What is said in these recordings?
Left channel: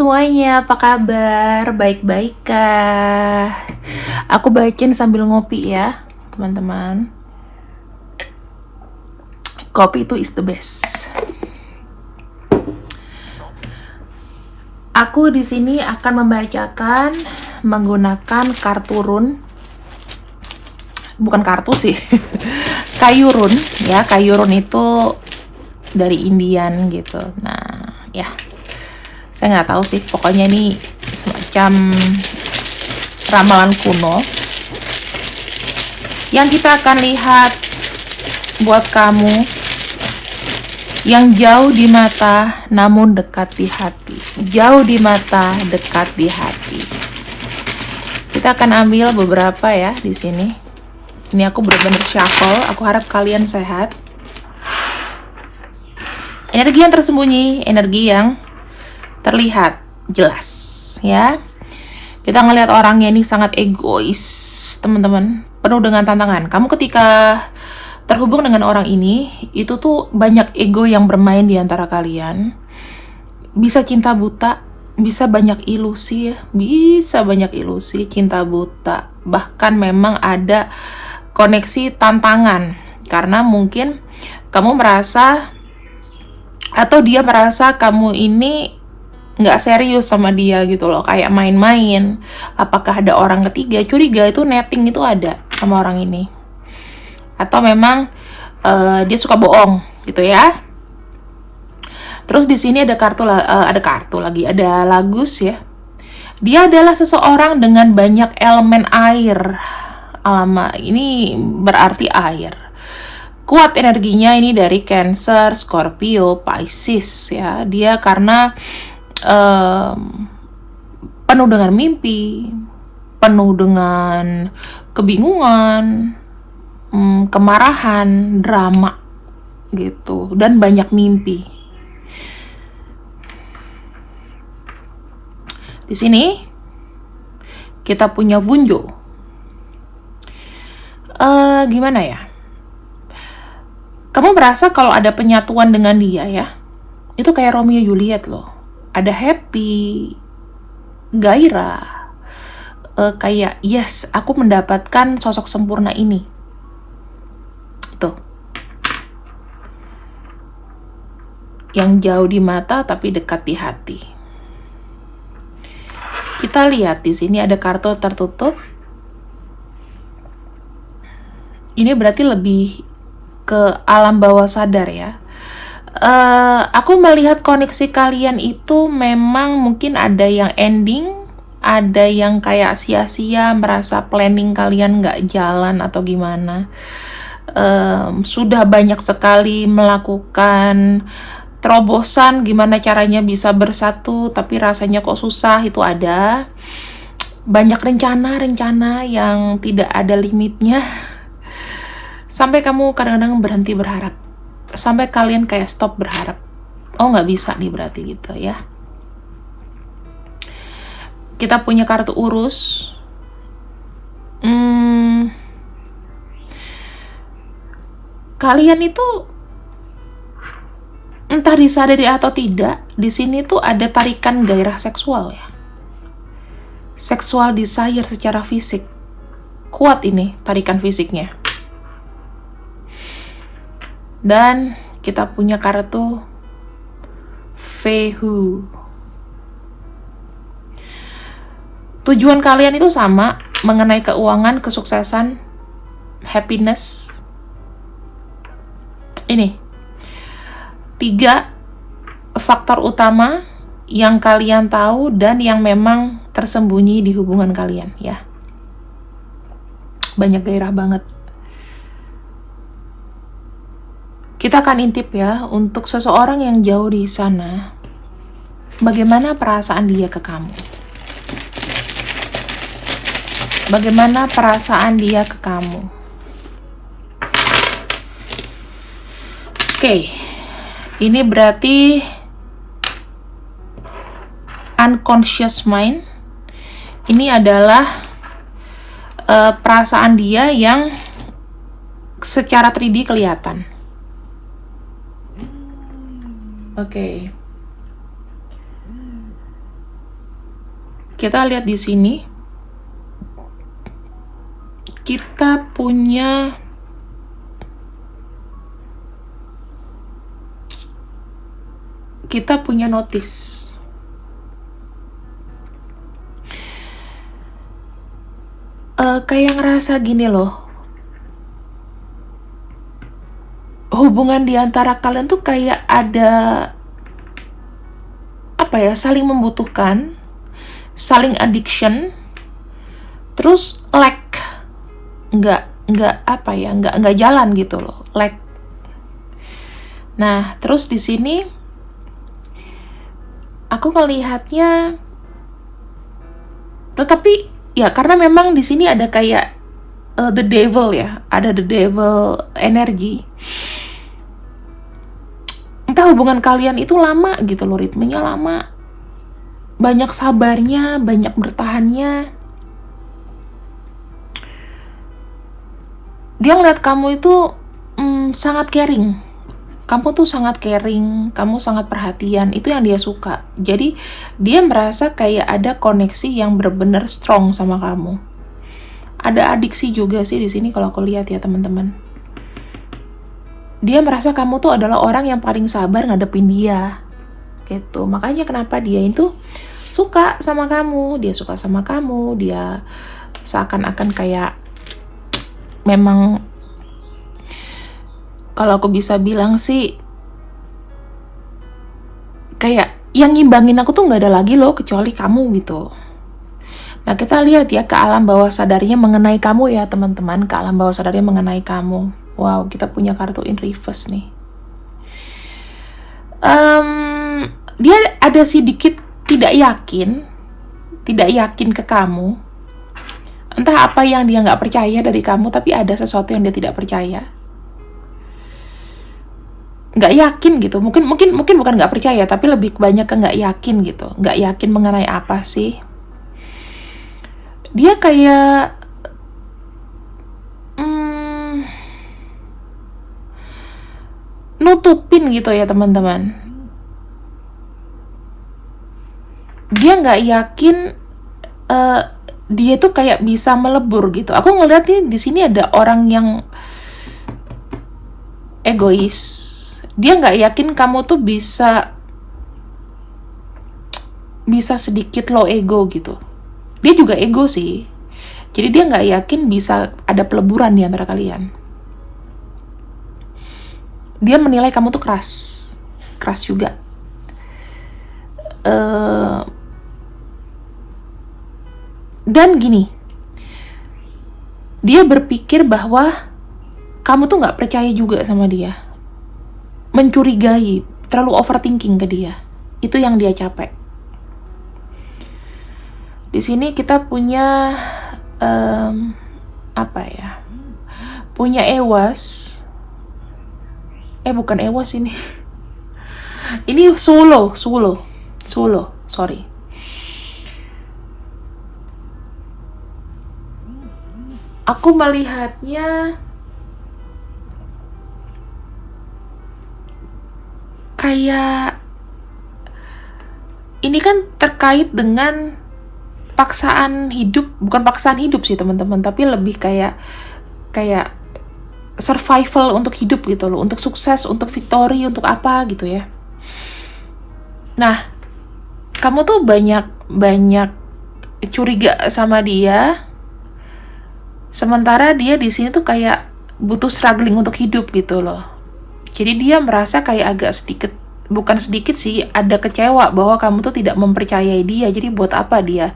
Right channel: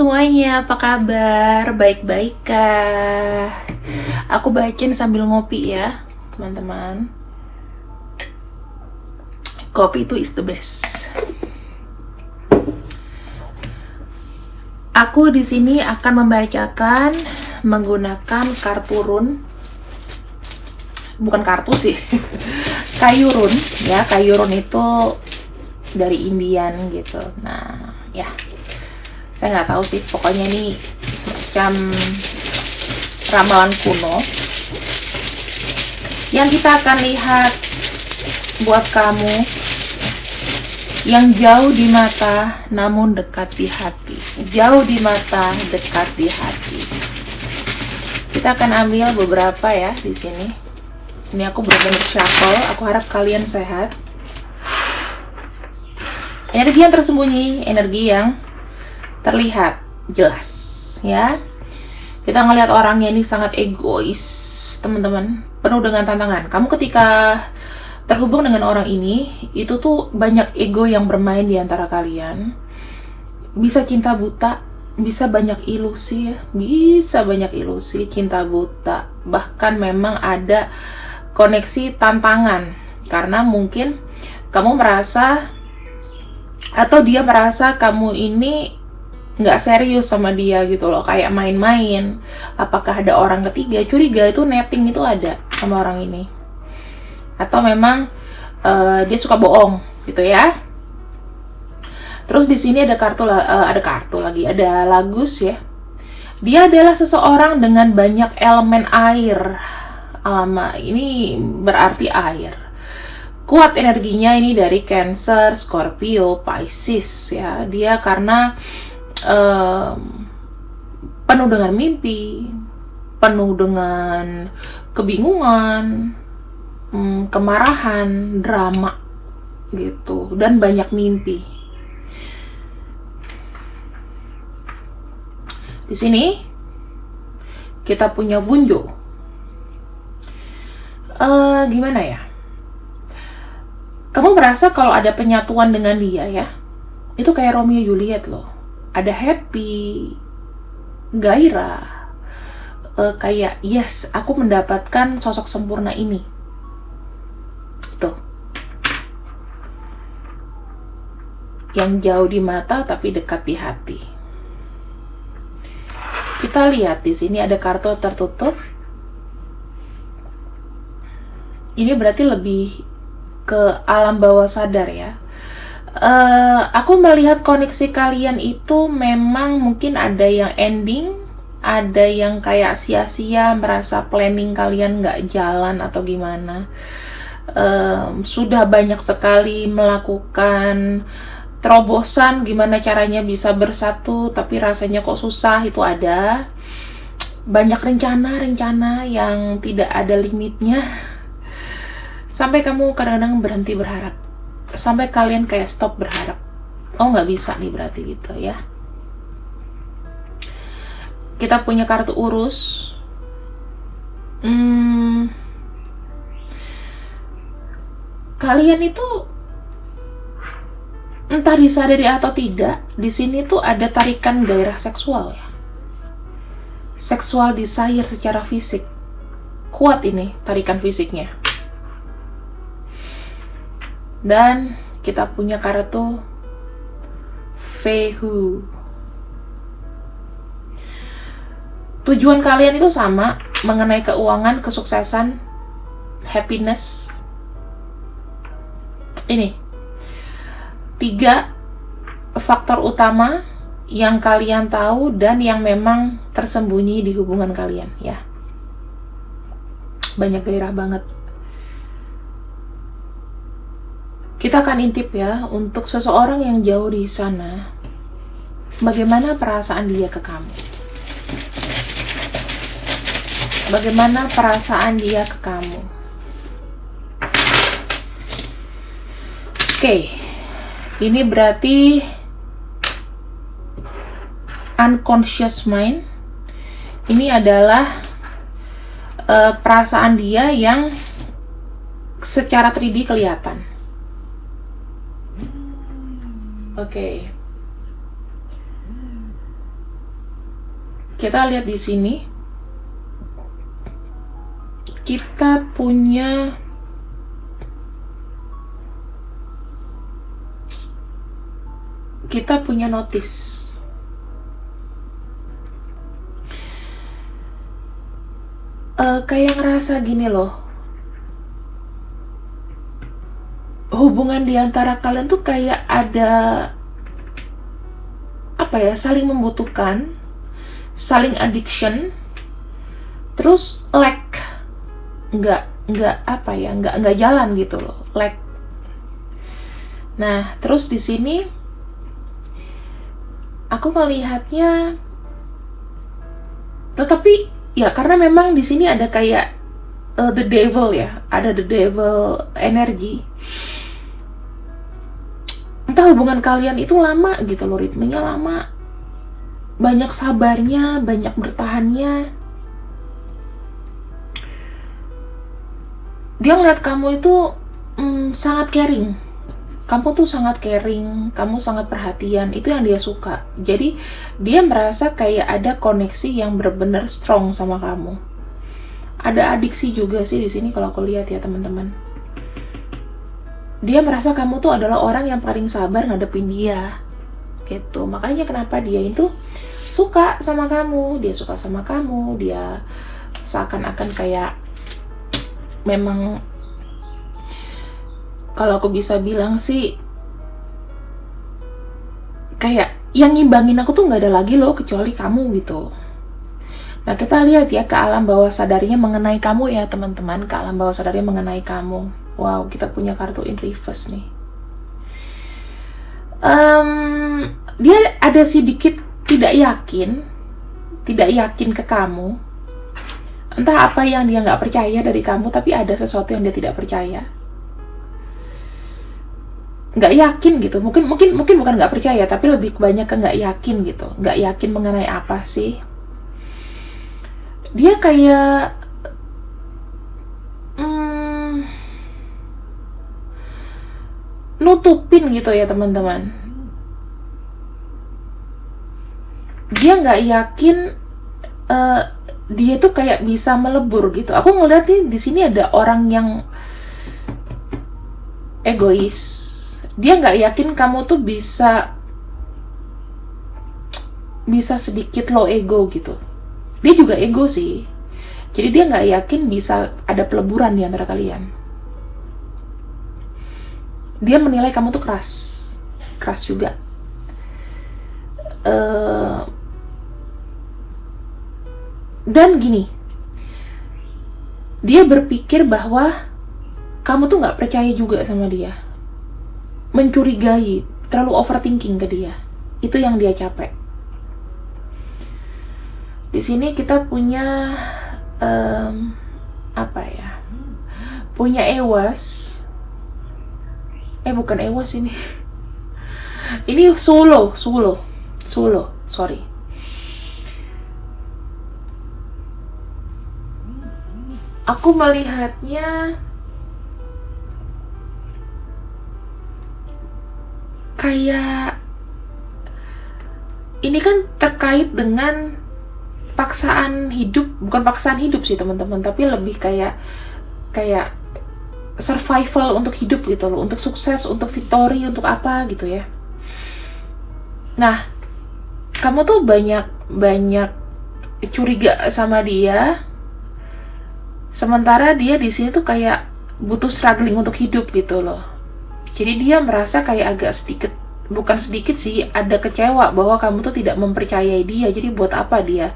semuanya, apa kabar? Baik-baik kah? Aku bacain sambil ngopi ya, teman-teman. Kopi itu is the best. Aku di sini akan membacakan menggunakan kartu run. Bukan kartu sih. Kayu run ya, kayu run itu dari Indian gitu. Nah, ya. Saya nggak tahu sih, pokoknya ini semacam ramalan kuno yang kita akan lihat buat kamu yang jauh di mata namun dekat di hati. Jauh di mata, dekat di hati. Kita akan ambil beberapa ya di sini. Ini aku benar-benar shuffle. Aku harap kalian sehat. Energi yang tersembunyi, energi yang terlihat jelas ya. Kita ngelihat orangnya ini sangat egois, teman-teman, penuh dengan tantangan. Kamu ketika terhubung dengan orang ini, itu tuh banyak ego yang bermain di antara kalian. Bisa cinta buta, bisa banyak ilusi ya, bisa banyak ilusi, cinta buta. Bahkan memang ada koneksi tantangan, karena mungkin kamu merasa atau dia merasa kamu ini nggak serius sama dia gitu loh, kayak main-main. Apakah ada orang ketiga? Curiga itu netting itu ada sama orang ini, atau memang dia suka bohong gitu ya. Terus di sini ada kartu lagi, ada Lagus ya. Dia adalah seseorang dengan banyak elemen air. Alamak, ini berarti air. Kuat energinya ini dari Cancer, Scorpio, Pisces ya. Dia karena penuh dengan mimpi, penuh dengan kebingungan, kemarahan, drama gitu, dan banyak mimpi. Di sini kita punya Vunjo. Gimana ya? Kamu merasa kalau ada penyatuan dengan dia ya, itu kayak Romeo Juliet loh. Ada happy, gairah, kayak yes, aku mendapatkan sosok sempurna ini. Itu yang jauh di mata tapi dekat di hati. Kita lihat di sini ada kartu tertutup. Ini berarti lebih ke alam bawah sadar ya. Aku melihat koneksi kalian itu memang mungkin ada yang ending, ada yang kayak sia-sia, merasa planning kalian nggak jalan atau gimana. Sudah banyak sekali melakukan terobosan gimana caranya bisa bersatu, tapi rasanya kok susah, itu ada. Banyak rencana-rencana yang tidak ada limitnya, sampai kamu kadang-kadang berhenti berharap. Sampai kalian kayak stop berharap. Oh, nggak bisa nih berarti gitu ya. Kita punya kartu urus. Kalian itu entah disadari atau tidak, di sini tuh ada tarikan gairah seksual ya. Seksual desire secara fisik. Kuat ini tarikan fisiknya. Dan kita punya kartu Fehu. Tujuan kalian itu sama, mengenai keuangan, kesuksesan, happiness. Ini 3 faktor utama yang kalian tahu dan yang memang tersembunyi di hubungan kalian ya. Banyak gairah banget. Kita akan intip ya, untuk seseorang yang jauh di sana, bagaimana perasaan dia ke kamu? Bagaimana perasaan dia ke kamu? Oke, ini berarti unconscious mind. Ini adalah perasaan dia yang secara 3D kelihatan. Oke. Kita lihat di sini, kita punya notice. Kayak ngerasa gini loh, hubungan di antara kalian tuh kayak ada apa ya, saling membutuhkan, saling addiction, terus nggak apa ya, nggak jalan gitu loh, Nah, terus di sini aku melihatnya, tetapi ya karena memang di sini ada kayak the devil ya, ada the devil energi. Entah hubungan kalian itu lama gitu loh, ritmenya lama, banyak sabarnya, banyak bertahannya. Dia ngeliat kamu itu sangat caring. Kamu tuh sangat caring, kamu sangat perhatian, itu yang dia suka. Jadi dia merasa kayak ada koneksi yang benar-benar strong sama kamu. Ada adiksi juga sih di sini kalau aku lihat ya teman-teman. Dia merasa kamu tuh adalah orang yang paling sabar ngadepin dia. Gitu. Makanya kenapa dia itu suka sama kamu, dia suka sama kamu, dia seakan-akan kayak memang, kalau aku bisa bilang sih, kayak yang ngimbangin aku tuh nggak ada lagi loh kecuali kamu gitu. Nah, kita lihat ya ke alam bawah sadarnya mengenai kamu ya teman-teman, ke alam bawah sadarnya mengenai kamu. Wow, kita punya kartu in reverse nih. Dia ada sedikit tidak yakin ke kamu. Entah apa yang dia nggak percaya dari kamu, tapi ada sesuatu yang dia tidak percaya. Nggak yakin gitu, mungkin bukan nggak percaya, tapi lebih banyak ke nggak yakin gitu, nggak yakin mengenai apa sih. Dia kayak nutupin gitu ya teman-teman. Dia nggak yakin dia tuh kayak bisa melebur gitu. Aku ngeliat nih di sini ada orang yang egois. Dia nggak yakin kamu tuh bisa sedikit low ego gitu. Dia juga ego sih. Jadi dia nggak yakin bisa ada peleburan di antara kalian. Dia menilai kamu tuh keras juga. Dan gini, dia berpikir bahwa kamu tuh nggak percaya juga sama dia, mencurigai, terlalu overthinking ke dia. Itu yang dia capek. Di sini kita punya apa ya? Punya ewas. Bukan ewas ini. Ini solo. Sorry. Aku melihatnya kayak ini kan terkait dengan paksaan hidup, bukan paksaan hidup sih teman-teman, tapi lebih kayak survival untuk hidup gitu loh, untuk sukses, untuk victory, untuk apa gitu ya. Nah, kamu tuh banyak curiga sama dia, sementara dia di sini tuh kayak butuh struggling untuk hidup gitu loh. Jadi dia merasa kayak agak sedikit, bukan sedikit sih, ada kecewa bahwa kamu tuh tidak mempercayai dia. Jadi buat apa dia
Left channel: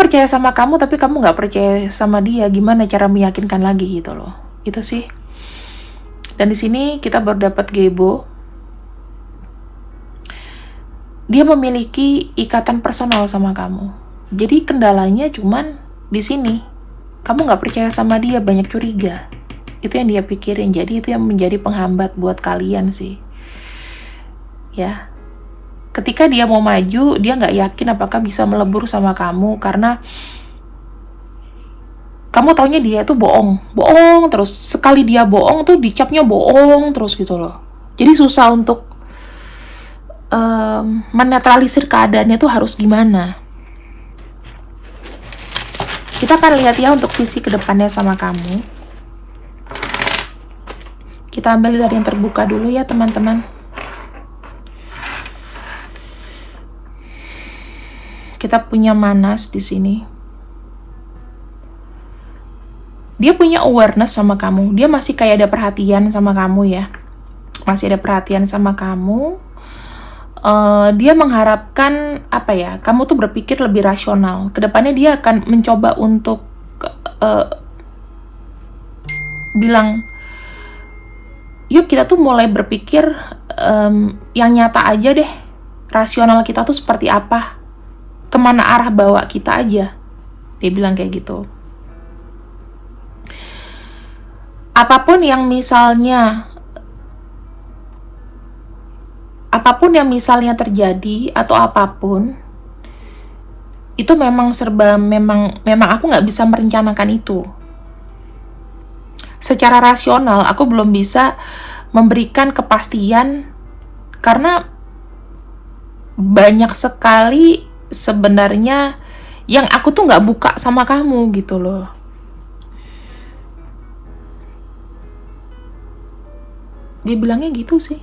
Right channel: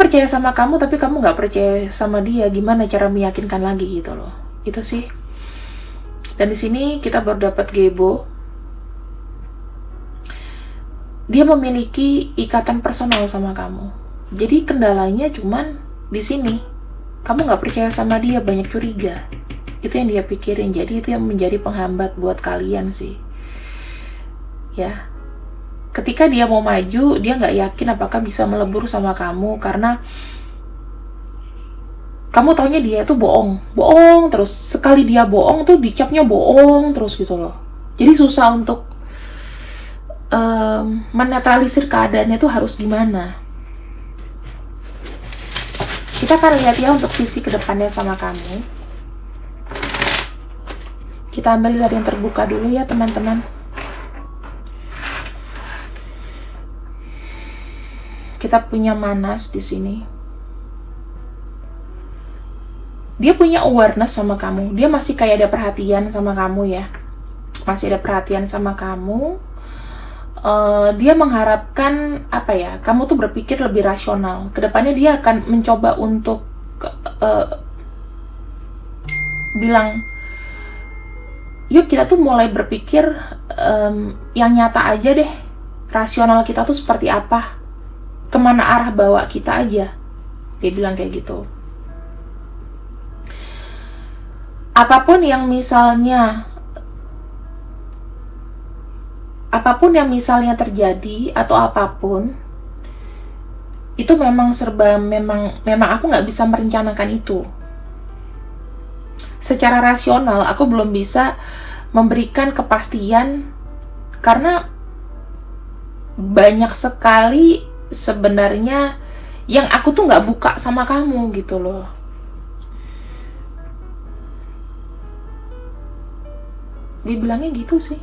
percaya sama kamu tapi kamu nggak percaya sama dia, gimana cara meyakinkan lagi gitu loh. Itu sih. Dan di sini kita baru dapat Gebo. Dia memiliki ikatan personal sama kamu. Jadi kendalanya cuman di sini, kamu nggak percaya sama dia, banyak curiga. Itu yang dia pikirin. Jadi itu yang menjadi penghambat buat kalian sih. Ya. Ketika dia mau maju, dia nggak yakin apakah bisa melebur sama kamu karena kamu taunya dia tuh bohong terus. Sekali dia bohong tuh dicapnya bohong terus gitu loh. Jadi susah untuk menetralisir keadaannya tuh harus gimana. Kita akan lihat ya untuk visi kedepannya sama kamu. Kita ambil dari yang terbuka dulu ya teman-teman. Kita punya Manas di sini. Dia punya awareness sama kamu. Dia masih kayak ada perhatian sama kamu ya. Masih ada perhatian sama kamu. Dia mengharapkan apa ya? Kamu tuh berpikir lebih rasional. Kedepannya dia akan mencoba untuk bilang, yuk kita tuh mulai berpikir yang nyata aja deh. Rasional kita tuh seperti apa? Kemana arah bawa kita aja? Dia bilang kayak gitu. Apapun yang misalnya terjadi atau apapun, itu memang aku nggak bisa merencanakan itu. Secara rasional aku belum bisa memberikan kepastian karena banyak sekali sebenarnya yang aku tuh nggak buka sama kamu gitu loh. Dia bilangnya gitu sih.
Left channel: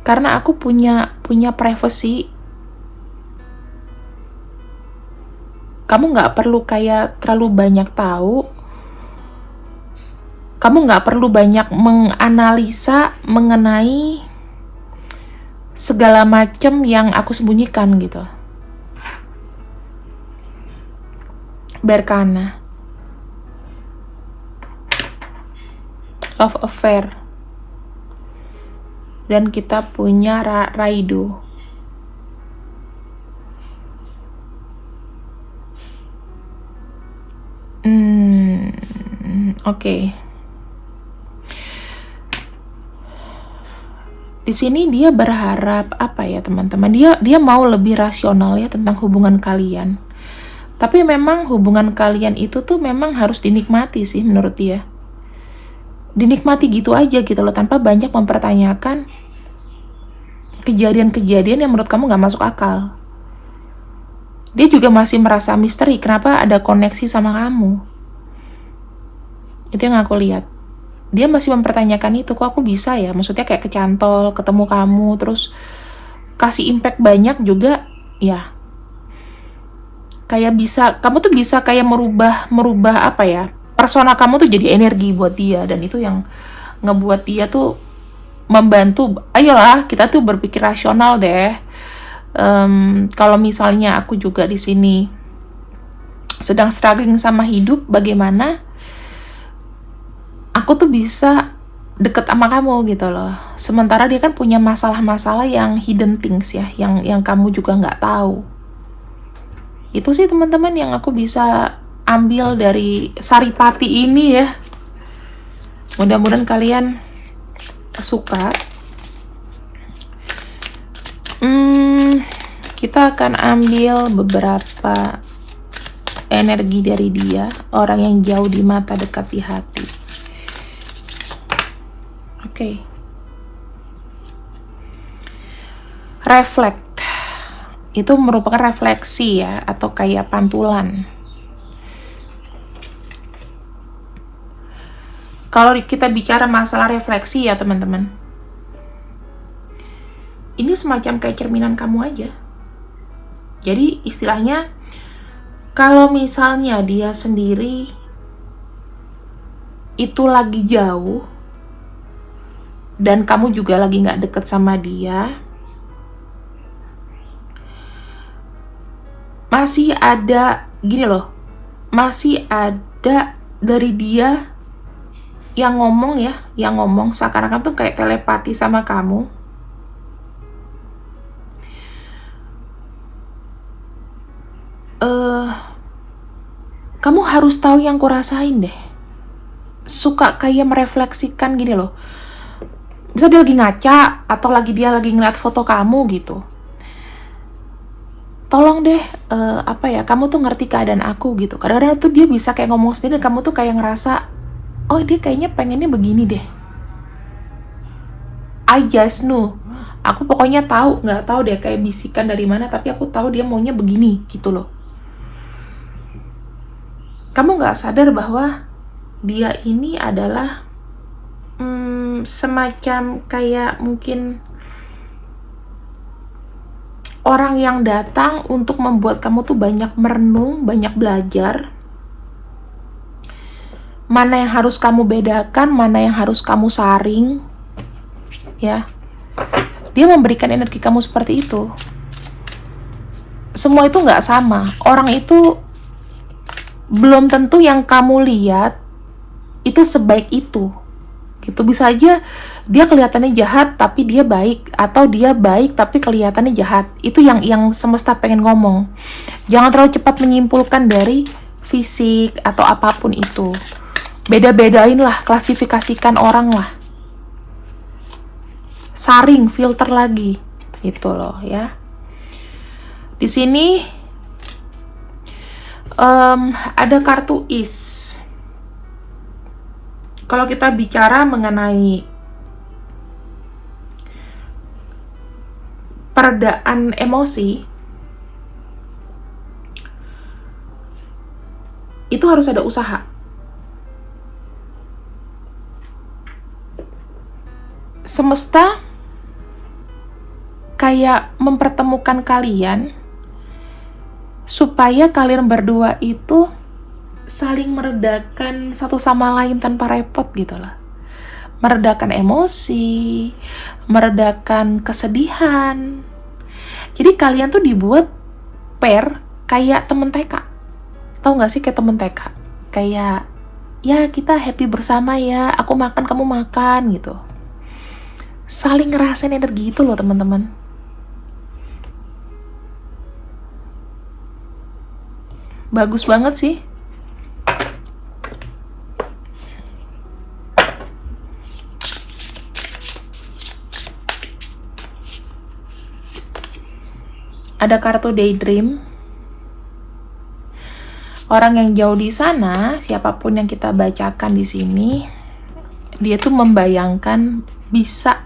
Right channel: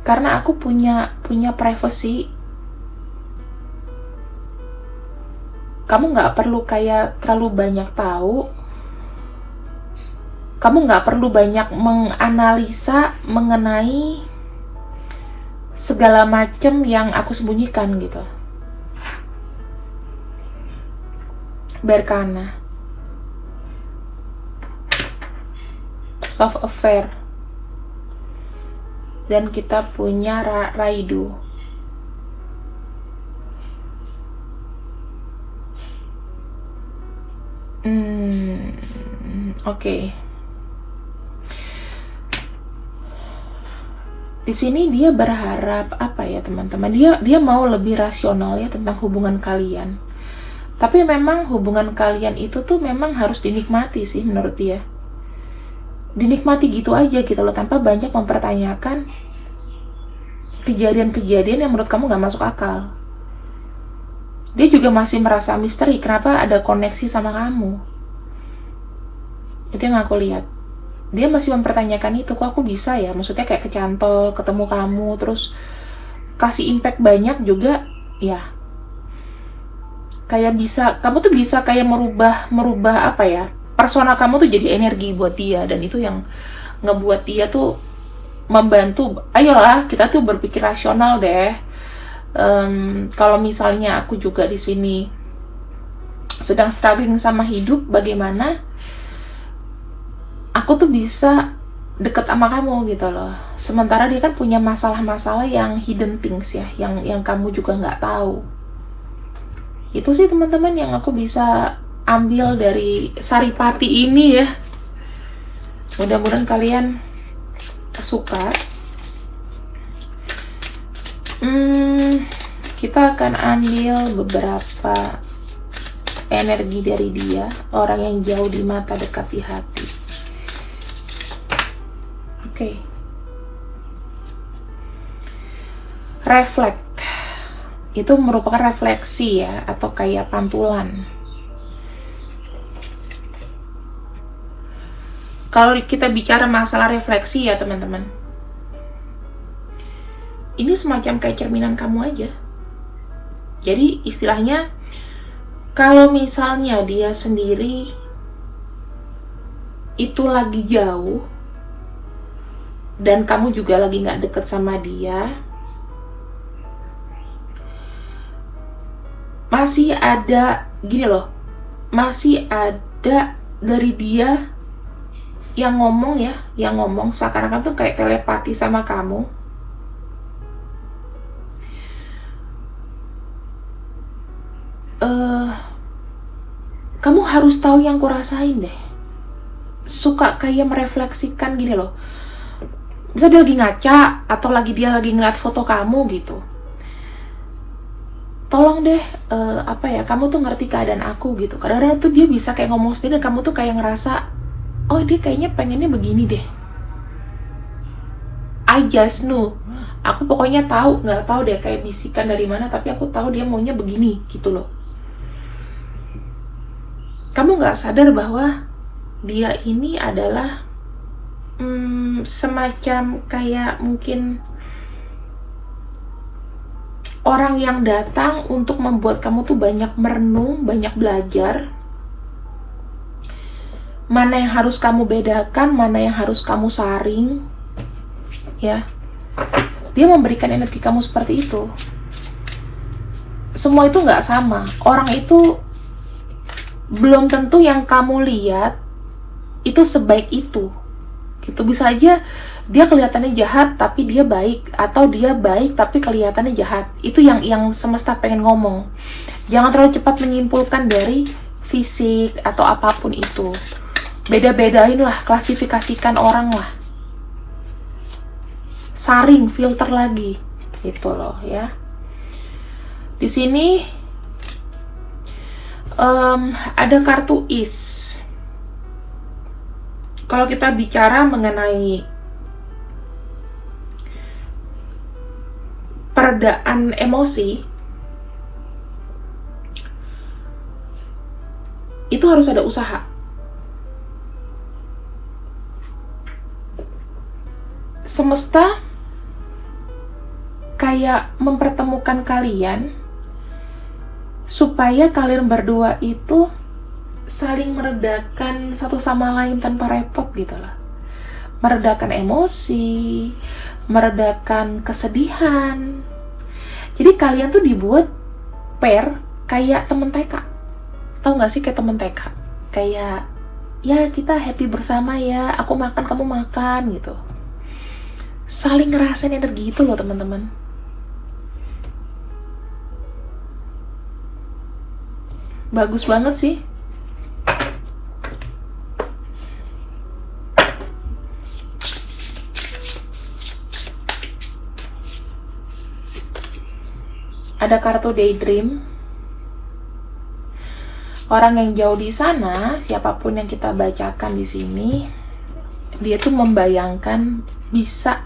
Karena aku punya privacy. Kamu nggak perlu kayak terlalu banyak tahu. Kamu nggak perlu banyak menganalisa mengenai segala macam yang aku sembunyikan gitu. Berkana. Love affair. Dan kita punya Raido. Oke. Di sini dia berharap apa ya teman-teman? Dia mau lebih rasional ya tentang hubungan kalian. Tapi memang hubungan kalian itu tuh memang harus dinikmati sih menurut dia. Dinikmati gitu aja gitu loh, tanpa banyak mempertanyakan kejadian-kejadian yang menurut kamu gak masuk akal. Dia juga masih merasa misteri kenapa ada koneksi sama kamu. Itu yang aku lihat. Dia masih mempertanyakan itu, kok aku bisa ya, maksudnya kayak kecantol, ketemu kamu, terus kasih impact banyak juga, ya kayak bisa, kamu tuh bisa kayak merubah apa ya, persona kamu tuh jadi energi buat dia, dan itu yang ngebuat dia tuh membantu. Ayolah kita tuh berpikir rasional deh. Kalau misalnya aku juga di sini sedang struggling sama hidup, bagaimana aku tuh bisa deket sama kamu gitu loh. Sementara dia kan punya masalah-masalah yang hidden things ya, yang kamu juga nggak tahu. Itu sih teman-teman yang aku bisa ambil dari Saripati ini ya. Mudah-mudahan kalian suka. Kita akan ambil beberapa energi dari dia, orang yang jauh di mata, dekat di hati. Oke. Reflect. Itu merupakan refleksi ya, atau kayak pantulan. Kalau kita bicara masalah refleksi ya teman-teman, ini semacam kayak cerminan kamu aja. Jadi istilahnya, kalau misalnya dia sendiri itu lagi jauh, dan kamu juga lagi nggak deket sama dia, masih ada, gini loh, masih ada dari dia yang ngomong seakan-akan tuh kayak telepati sama kamu. Kamu harus tahu yang kurasain deh. Suka kayak merefleksikan gini loh. Bisa dia lagi ngaca, atau dia lagi ngeliat foto kamu gitu. Tolong deh, kamu tuh ngerti keadaan aku gitu. Kadang-kadang tuh dia bisa kayak ngomong sendiri, dan kamu tuh kayak ngerasa, oh dia kayaknya pengennya begini deh. I just know. Aku pokoknya tahu, nggak tahu deh kayak bisikan dari mana, tapi aku tahu dia maunya begini gitu loh. Kamu nggak sadar bahwa dia ini adalah semacam kayak mungkin orang yang datang untuk membuat kamu tuh banyak merenung, banyak belajar. Mana yang harus kamu bedakan, mana yang harus kamu saring. Ya. Dia memberikan energi kamu seperti itu. Semua itu nggak sama. Orang itu belum tentu yang kamu lihat itu sebaik itu. Gitu, bisa aja dia kelihatannya jahat tapi dia baik, atau dia baik tapi kelihatannya jahat. Itu yang semesta pengen ngomong. Jangan terlalu cepat menyimpulkan dari fisik atau apapun itu. Beda-bedain lah, klasifikasikan orang lah. Saring, filter lagi. Gitu loh ya. Di sini ada kartu is. Kalau kita bicara mengenai peredaan emosi, itu harus ada usaha. Semesta kayak mempertemukan kalian supaya kalian berdua itu saling meredakan satu sama lain tanpa repot gitu lah. Meredakan emosi, meredakan kesedihan. Jadi kalian tuh dibuat pair kayak temen TK. Tahu gak sih kayak temen TK? Kayak, ya kita happy bersama ya, aku makan kamu makan gitu. Saling ngerasain energi itu loh teman-teman. Bagus banget sih. Ada kartu daydream. Orang yang jauh di sana, siapapun yang kita bacakan di sini, dia tuh membayangkan bisa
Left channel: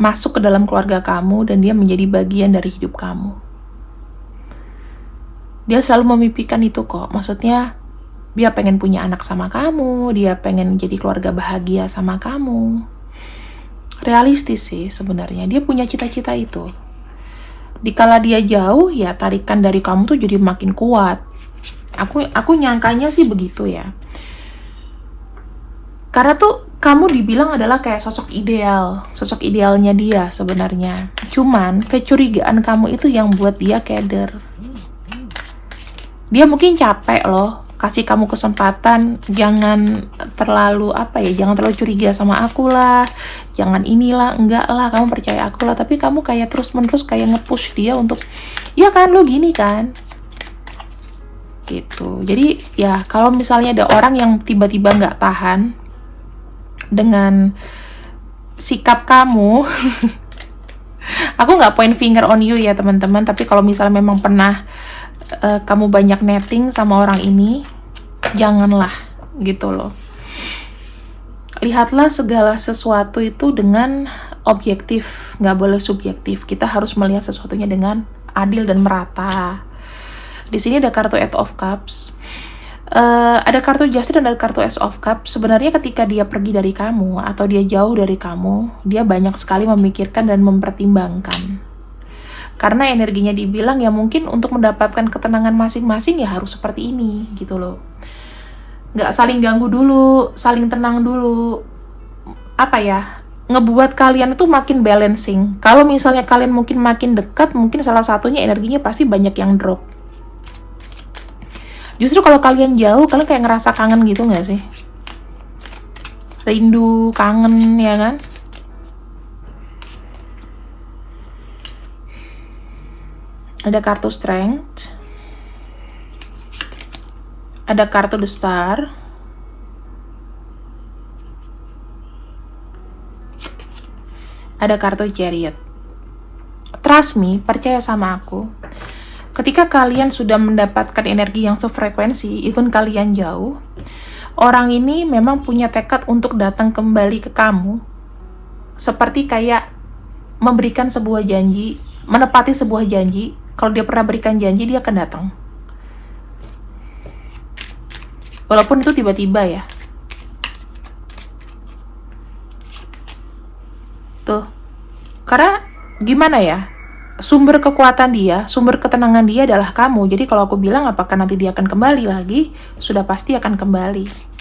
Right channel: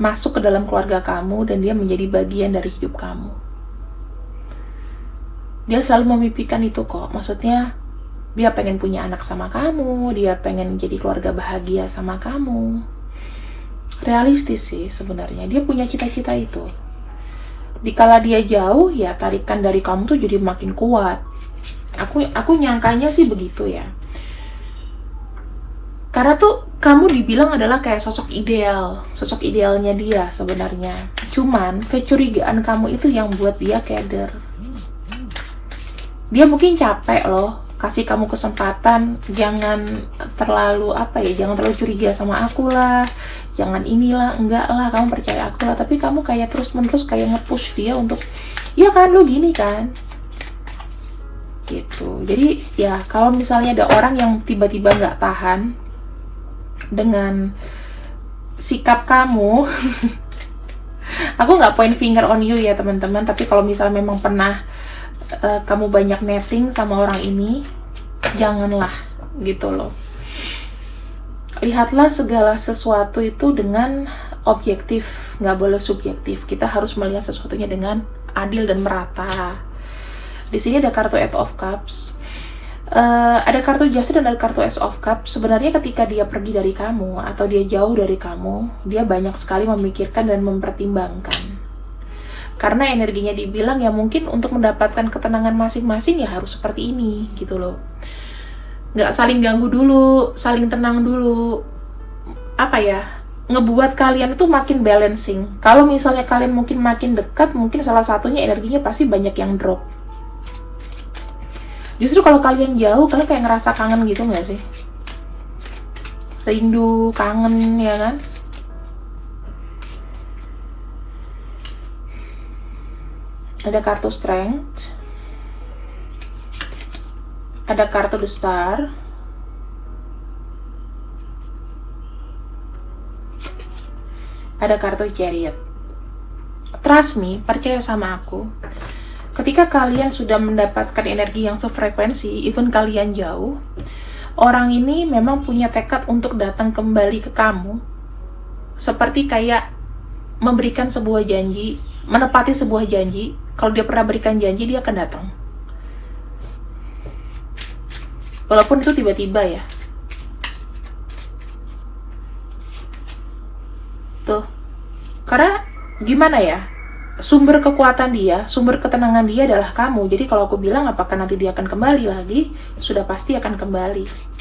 masuk ke dalam keluarga kamu dan dia menjadi bagian dari hidup kamu. Dia selalu memimpikan itu kok. Maksudnya dia pengen punya anak sama kamu, dia pengen jadi keluarga bahagia sama kamu. Realistis sih sebenarnya. Dia punya cita-cita itu. Dikala dia jauh, ya tarikan dari kamu tuh jadi makin kuat. Aku nyangkanya sih begitu ya. Karena tuh kamu dibilang adalah kayak sosok idealnya dia sebenarnya. Cuman kecurigaan kamu itu yang buat dia keder. Dia mungkin capek loh, kasih kamu kesempatan, jangan terlalu jangan terlalu curiga sama aku lah, jangan inilah, enggak lah, kamu percaya aku lah. Tapi kamu kayak terus-menerus kayak nge-push dia untuk, ya kan lu gini kan, gitu. Jadi ya kalau misalnya ada orang yang tiba-tiba nggak tahan dengan sikap kamu, aku nggak point finger on you ya teman-teman, tapi kalau misalnya memang pernah kamu banyak netting sama orang ini, janganlah gitu loh. Lihatlah segala sesuatu itu dengan objektif, nggak boleh subjektif. Kita harus melihat sesuatunya dengan adil dan merata. Di sini ada kartu Eight of Cups, ada kartu Justice dan ada kartu Ace of Cups. Sebenarnya ketika dia pergi dari kamu atau dia jauh dari kamu, dia banyak sekali memikirkan dan mempertimbangkan. Karena energinya dibilang ya mungkin untuk mendapatkan ketenangan masing-masing ya harus seperti ini gitu loh. Nggak saling ganggu dulu, saling tenang dulu. Ngebuat kalian itu makin balancing. Kalau misalnya kalian mungkin makin dekat, mungkin salah satunya energinya pasti banyak yang drop. Justru kalau kalian jauh, kalian kayak ngerasa kangen gitu nggak sih? Rindu, kangen ya kan? Ada kartu Strength, ada kartu The Star, ada kartu Chariot. Trust me, percaya sama aku. Ketika kalian sudah mendapatkan energi yang sefrekuensi, even kalian jauh, orang ini memang punya tekad untuk datang kembali ke kamu seperti kayak memberikan sebuah janji, menepati sebuah janji. Kalau dia pernah berikan janji, dia akan datang. Walaupun itu tiba-tiba ya. Tuh. Karena gimana ya? Sumber kekuatan dia, sumber ketenangan dia adalah kamu. Jadi kalau aku bilang apakah nanti dia akan kembali lagi, sudah pasti akan kembali.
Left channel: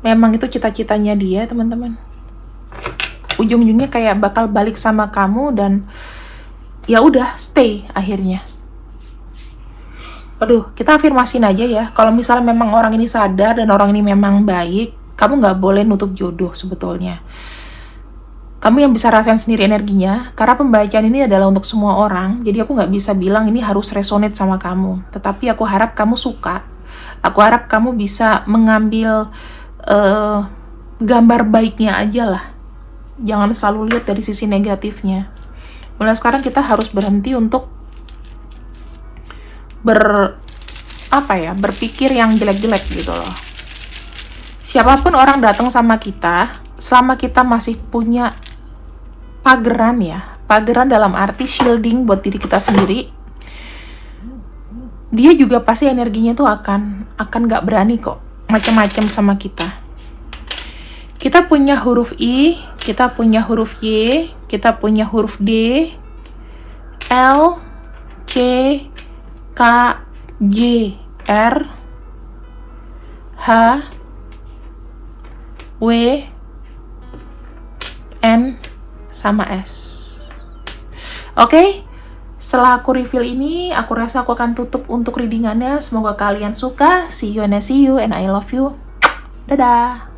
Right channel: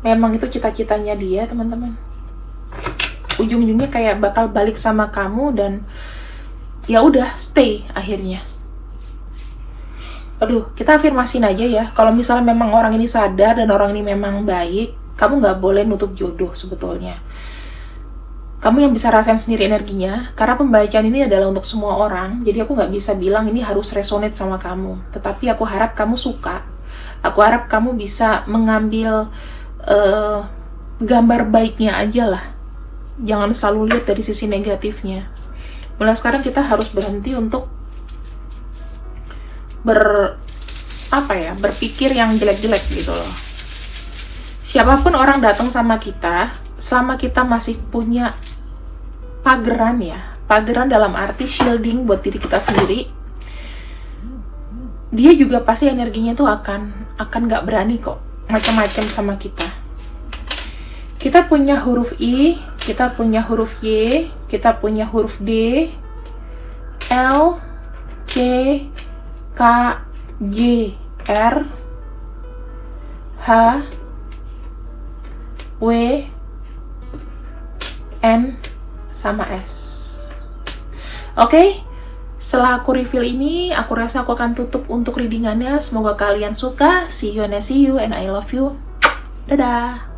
Memang itu cita-citanya dia, teman-teman. Ujung-ujungnya kayak bakal balik sama kamu dan ya udah stay akhirnya. Aduh, kita afirmasiin aja ya. Kalau misalnya memang orang ini sadar dan orang ini memang baik, kamu nggak boleh nutup jodoh sebetulnya. Kamu yang bisa rasain sendiri energinya, karena pembacaan ini adalah untuk semua orang, jadi aku nggak bisa bilang ini harus resonate sama kamu. Tetapi aku harap kamu suka. Aku harap kamu bisa mengambil gambar baiknya aja lah. Jangan selalu lihat dari sisi negatifnya. Mulai sekarang kita harus berhenti untuk berpikir yang jelek-jelek gitu loh. Siapapun orang datang sama kita, selama kita masih punya pageran ya, pageran dalam arti shielding buat diri kita sendiri, dia juga pasti energinya tuh akan nggak berani kok macam-macam sama kita. Kita punya huruf I, kita punya huruf Y, kita punya huruf D, L, C, K, J, R, H, W, N, sama S. Oke, setelah aku reveal ini, aku rasa aku akan tutup untuk readingannya. Semoga kalian suka. See you and I love you. Dadah.